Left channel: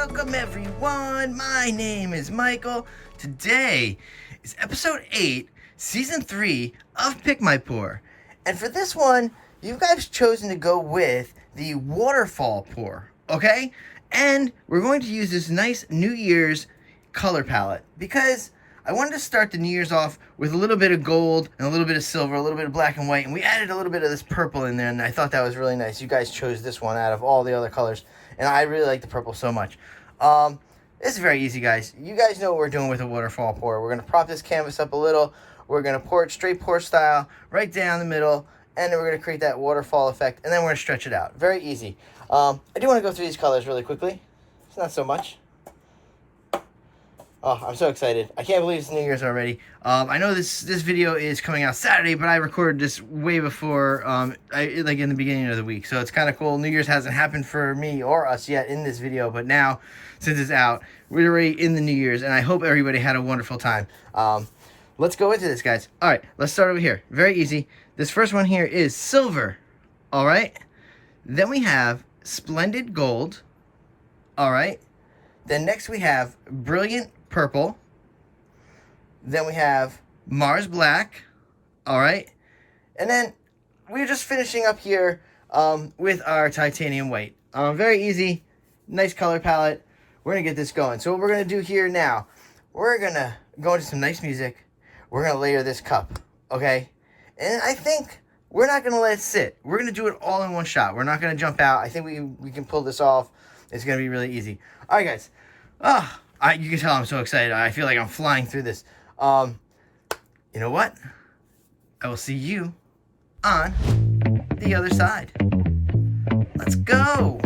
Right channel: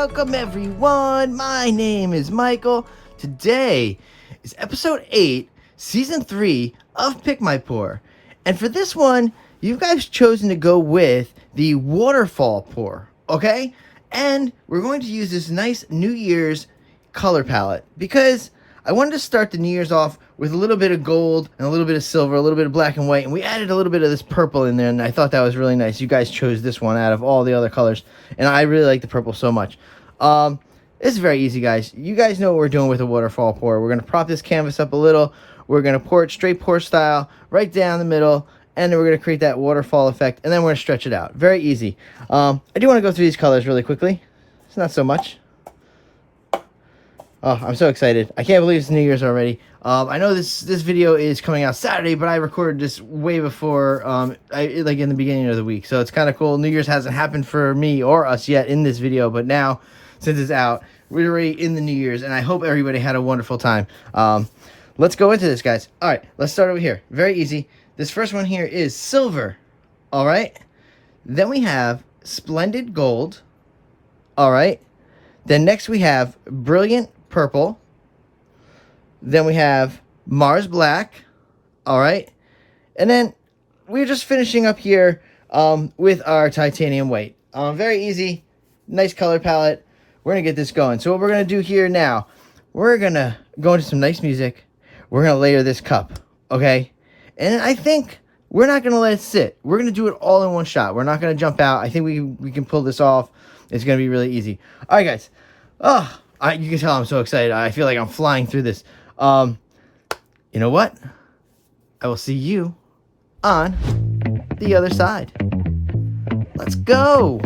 Welcome everyone, my name is Michael. Today is episode 8, season 3 of Pick My Pour. And for this one, you guys chosen to go with the Waterfall pour, okay? And we're going to use this nice New Year's color palette because I wanted to start the New Year's off with a little bit of gold and a little bit of silver, a little bit of black and white, and we added a little bit of this purple in there, and I thought that was really nice. You guys chose this one out of all the other colors, and I really like the purple so much. This is very easy, guys. You guys know what we're doing with a waterfall pour. We're going to prop this canvas up a little. We're going to pour it straight pour style, right down the middle, and then we're going to create that waterfall effect, and then we're going to stretch it out. Very easy. I do want to go through these colors really quickly. It's not so much. Oh, I'm so excited. I can't believe it's New Year's already. I know this video is coming out Saturday, but I recorded this way before, like in the beginning of the week. So it's kind of cool. New Year's hasn't happened for me or us yet in this video, but now, since it's out, we're already in the New Year's, and I hope everybody had a wonderful time. Let's go into this, guys. All right, let's start over here. Very easy. This first one here is silver. All right. Then we have splendid gold. All right. Then next we have brilliant purple. Then we have Mars black. All right. And then we're just finishing up here with our titanium white. Very easy. Nice color palette. We're going to get this going. So what we're going to do here now, we're going to go into some nice music. We're going to layer this cup. Okay. And I think we're not going to let it sit. We're going to do it all in one shot. We're not going to jump out. I think we can pull this off. It's going to be really easy. All right, guys. You can tell I'm so excited. I feel like I'm flying through this. You know what? I will see you on the other side. Let's go.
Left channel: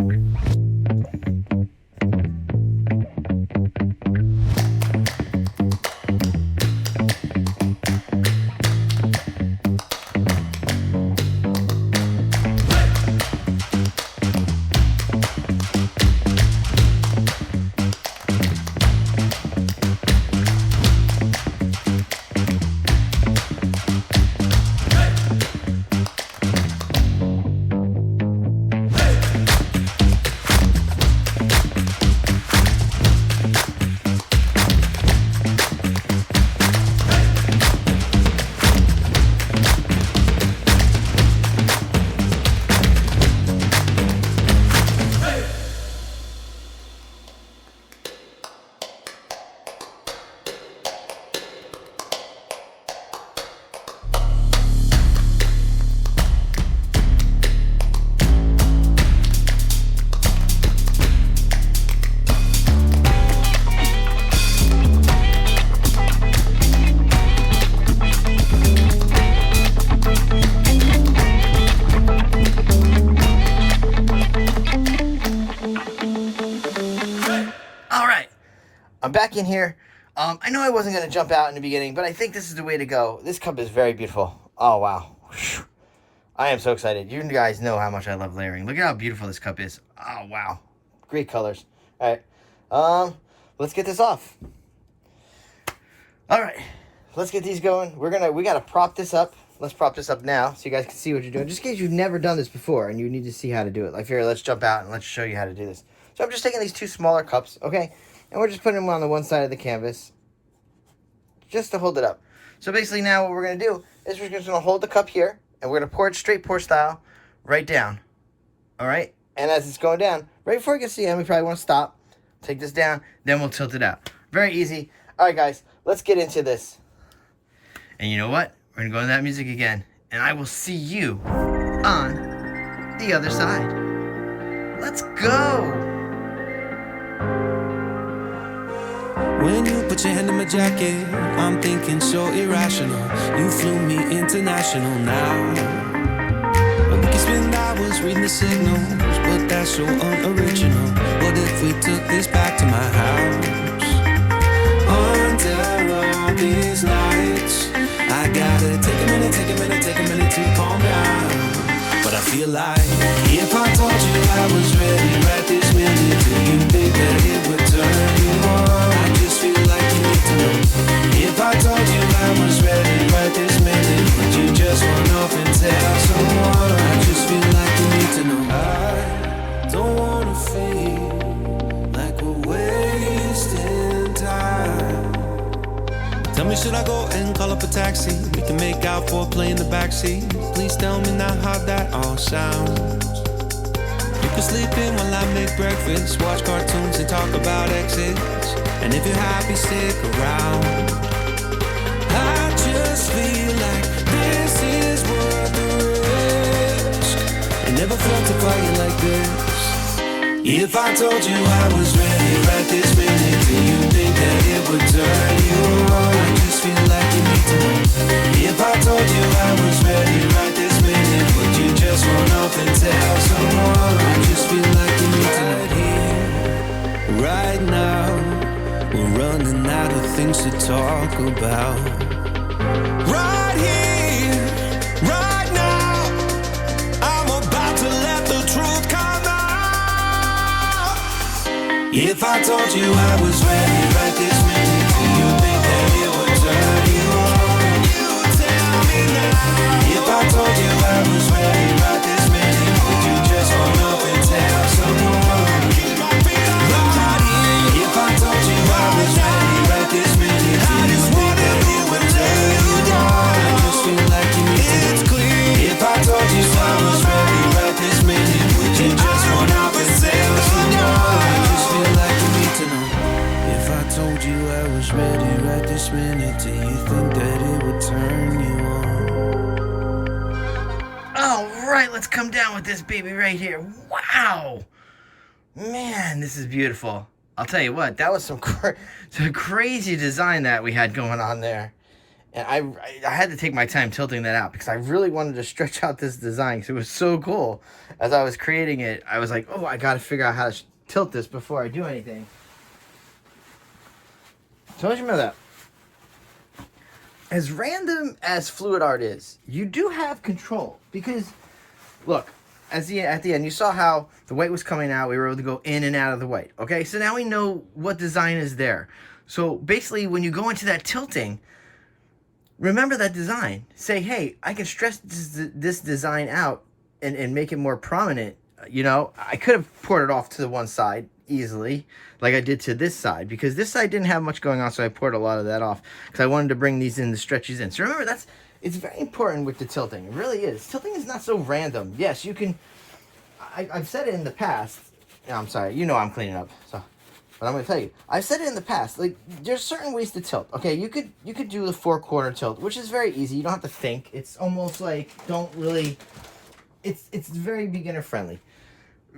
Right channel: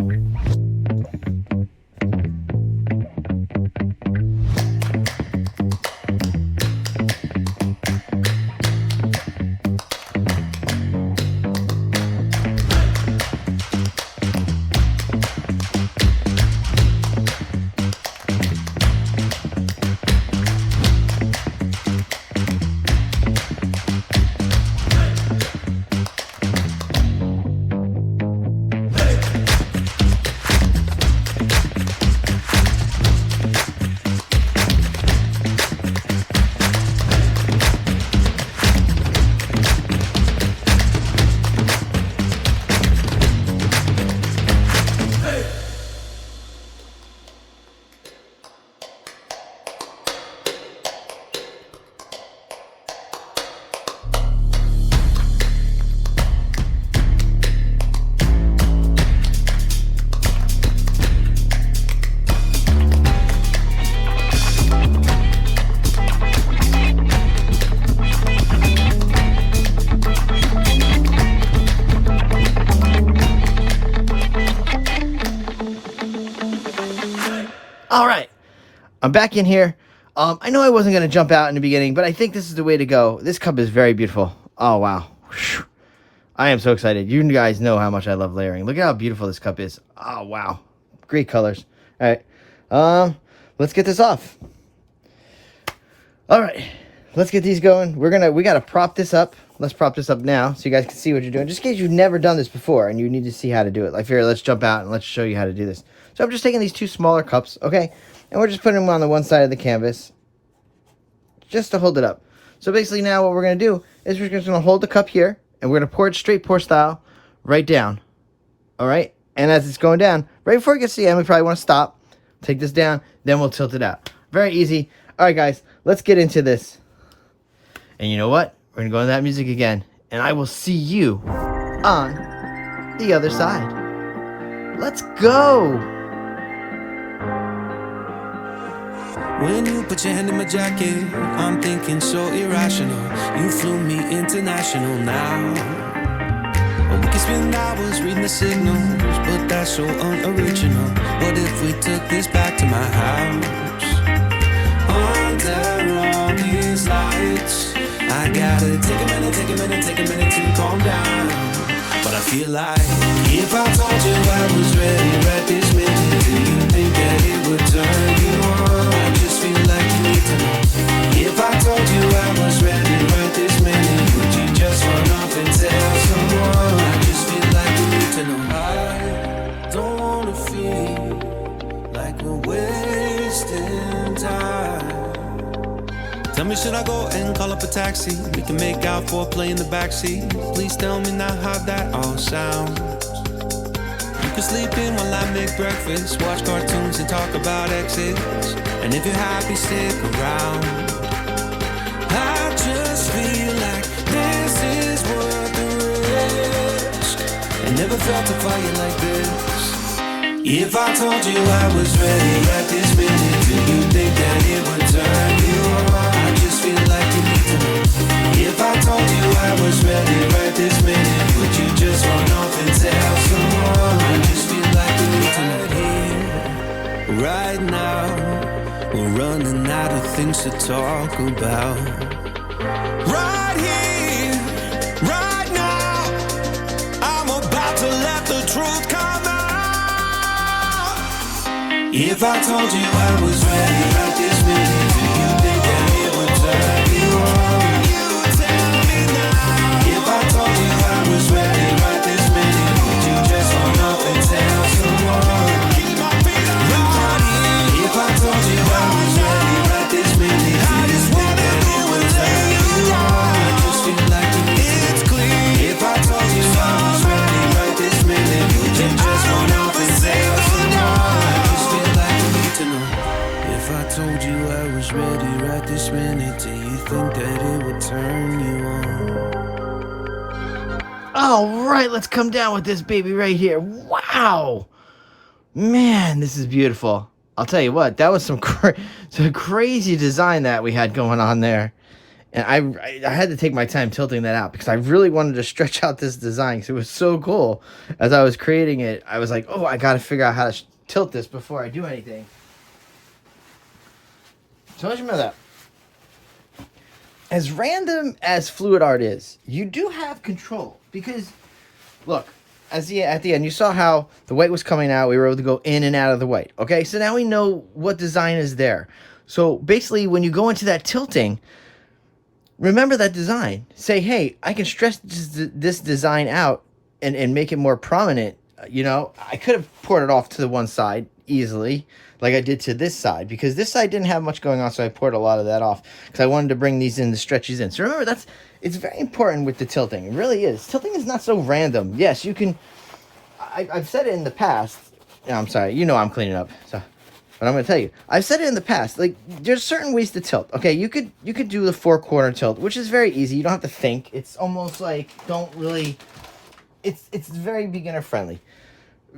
All right, I'm back in here. I know I wasn't going to jump out in the beginning, but I think this is the way to go. This cup is very beautiful. Oh, wow. Whew. I am so excited. You guys know how much I love layering. Look at how beautiful this cup is. Oh, wow. Great colors. All right, let's get this off. All right, let's get these going. We got to prop this up. Let's prop this up now so you guys can see what you're doing. Just in case you've never done this before and you need to see how to do it. Like here, let's jump out and let's show you how to do this. So I'm just taking these two smaller cups, okay? And we're just putting them on the one side of the canvas just to hold it up. So basically now what we're going to do is we're just going to hold the cup here and we're going to pour it straight pour style right down. All right? And as it's going down, right before it gets to the end, we probably want to stop, take this down, then we'll tilt it out. Very easy. All right, guys, let's get into this. And you know what? We're going to go into that music again. And I will see you on the other side. Let's go. When you put your hand in my jacket, I'm thinking so irrational. You flew me international now. And we can spend hours reading the signals, but that's so unoriginal. What if we took this back to my house? Under all these lights, I gotta take a minute to calm down. But I feel like if I told you I was ready right this minute, do you think that it would turn you on? I just feel like you need to know. If I told you I was ready right this minute, would you just run off and tell someone? I just feel like you need to know. I don't wanna feel like we're Tell me, should I go and call up a taxi? We can make out for a play in the backseat. Please tell me now how that all sounds. You can sleep in while I make breakfast, watch cartoons and talk about exes. And if you're happy, stick around. I just feel like this is worth the risk. I never felt a fire like this. If I told you I was ready right this minute, do you think that it would turn you on? I just feel like you need to know. If I told you I was ready right this minute, would you just run off and tell someone? I just feel like you need to know. Right here, right now, we're running out of things to talk about. Right here, right now, I'm about to let the truth come out. If I told you I was ready right this minute, do you think that it would turn you on? You tell me now. If I told you I was ready right this minute, would you just run off and tell someone? Keep my feet on the ground. If I told you I was ready right this minute, I just wanna go and lay you down. I just feel like you need to. It's clear. If I told you I was ready right this minute, would you just run off and tell someone? To know. If I told you I was ready right this minute, do you think that it would turn you on? All right, let's come down with this baby right here. Wow, man, this is beautiful. I'll tell you what, that was some crazy design that we had going on there. And I had to take my time tilting that out because I really wanted to stretch out this design because it was so cool. As I was creating it, I was like, oh, I got to figure out how to tilt this before I do anything. So let's remember that. As random as fluid art is, you do have control. Because, look, at the end, you saw how the white was coming out. We were able to go in and out of the white. Okay, so now we know what design is there. So basically, when you go into that tilting, remember that design. Say, hey, I can stretch this design out and make it more prominent. You know, I could have poured it off to the one side easily, like I did to this side, because this side didn't have much going on, so I poured a lot of that off because I wanted to bring these in, the stretches in. So remember, it's very important with the tilting. It really is. Tilting is not so random. Yes, you can. I've said it in the past. No, I'm sorry. You know I'm cleaning up. So, but I'm going to tell you. I've said it in the past. Like, there's certain ways to tilt. Okay, you could do the 4-corner tilt, which is very easy. You don't have to think. It's almost like It's very beginner friendly.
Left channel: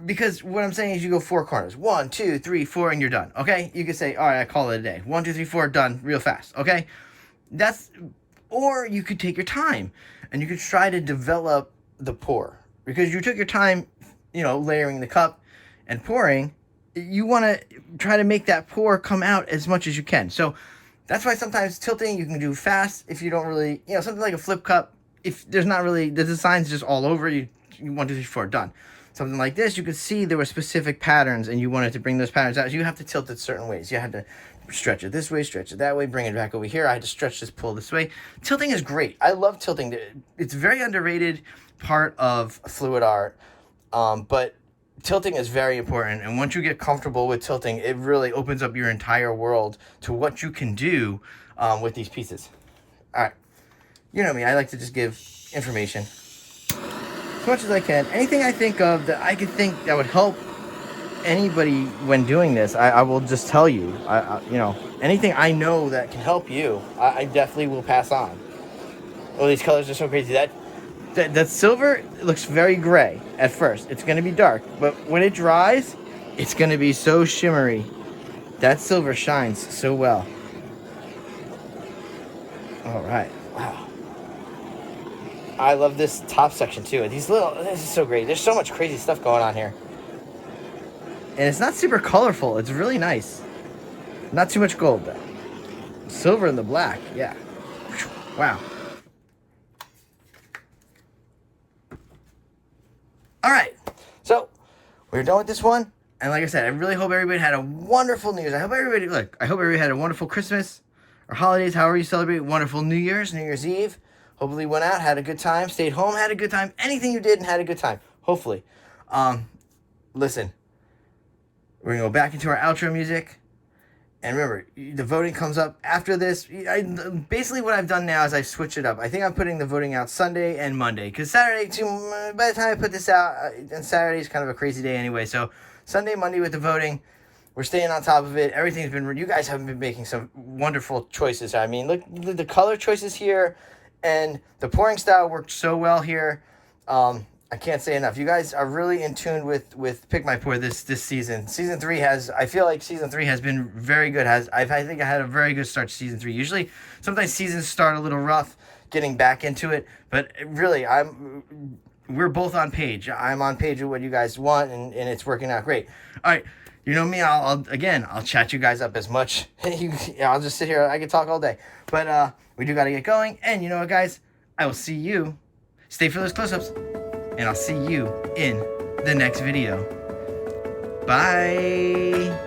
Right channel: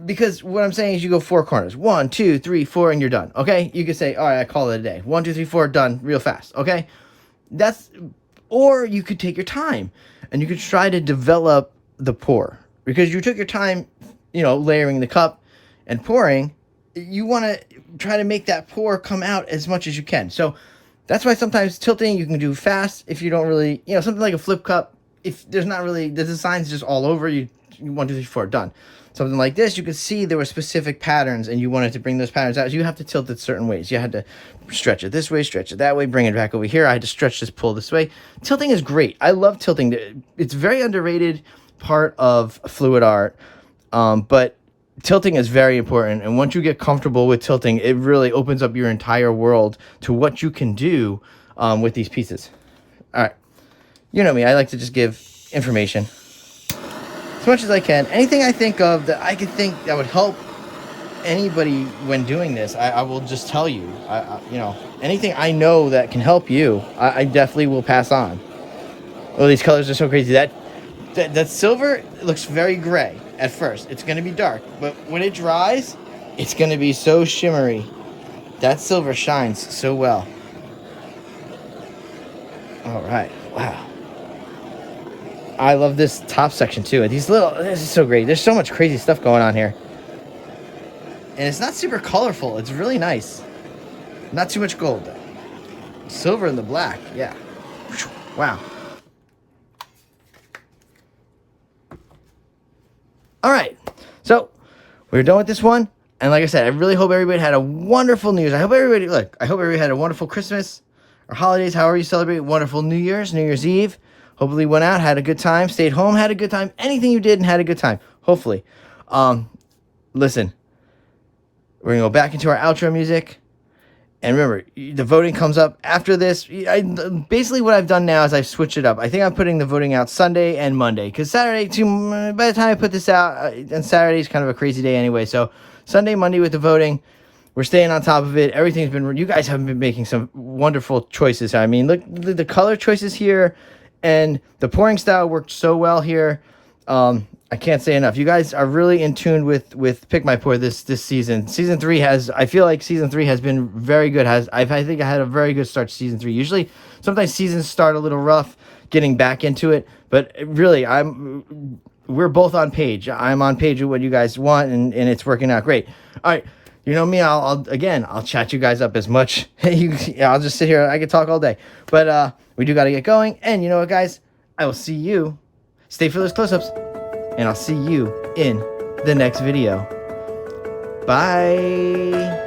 Because what I'm saying is you go 4 corners. 1, 2, 3, 4, and you're done. Okay? You could say, all right, I call it a day. 1, 2, 3, 4, done real fast. Okay? Or you could take your time and you could try to develop the pour. Because you took your time, layering the cup and pouring. You want to try to make that pour come out as much as you can. So that's why sometimes tilting you can do fast if you don't really, something like a flip cup. If there's not really, the design's just all over, you 1, 2, 3, 4, done. Something like this, you could see there were specific patterns and you wanted to bring those patterns out. You have to tilt it certain ways. You had to stretch it this way, stretch it that way, bring it back over here. I had to stretch this, pull this way. Tilting is great. I love tilting. It's a very underrated part of fluid art, but tilting is very important. And once you get comfortable with tilting, it really opens up your entire world to what you can do with these pieces. All right. You know me, I like to just give information as much as I can. Anything I think of that I could think that would help anybody when doing this, I will just tell you. Anything I know that can help you, I definitely will pass on. Oh, these colors are so crazy. That silver looks very gray at first. It's going to be dark, but when it dries, it's going to be so shimmery. That silver shines so well. All right. Wow. I love this top section too. This is so great. There's so much crazy stuff going on here. And it's not super colorful. It's really nice. Not too much gold though. Silver and the black. Yeah. Wow. All right. So we're done with this one. And like I said, I really hope everybody had a wonderful New Year's. I hope everybody had a wonderful Christmas or holidays, however you celebrate. Wonderful New Year's, New Year's Eve. Hopefully went out, had a good time, stayed home, had a good time. Anything you did and had a good time. Hopefully. Listen. We're going to go back into our outro music. And remember, the voting comes up after this. Basically, what I've done now is I've switched it up. I think I'm putting the voting out Sunday and Monday. Because Saturday, by the time I put this out, and Saturday is kind of a crazy day anyway. So Sunday, Monday with the voting. We're staying on top of it. Everything's been... You guys have been making some wonderful choices. I mean, look, the color choices here. And the pouring style worked so well here. I can't say enough. You guys are really in tune with Pick My Pour this season. Season 3 has... I feel like Season 3 has been very good. I think I had a very good start to Season 3. Usually, sometimes seasons start a little rough getting back into it. But really, we're both on page. I'm on page with what you guys want, and it's working out great. All right. You know me, I'll chat you guys up as much. I'll just sit here. I can talk all day. But we do got to get going. And you know what, guys? I will see you. Stay for those close-ups. And I'll see you in the next video. Bye.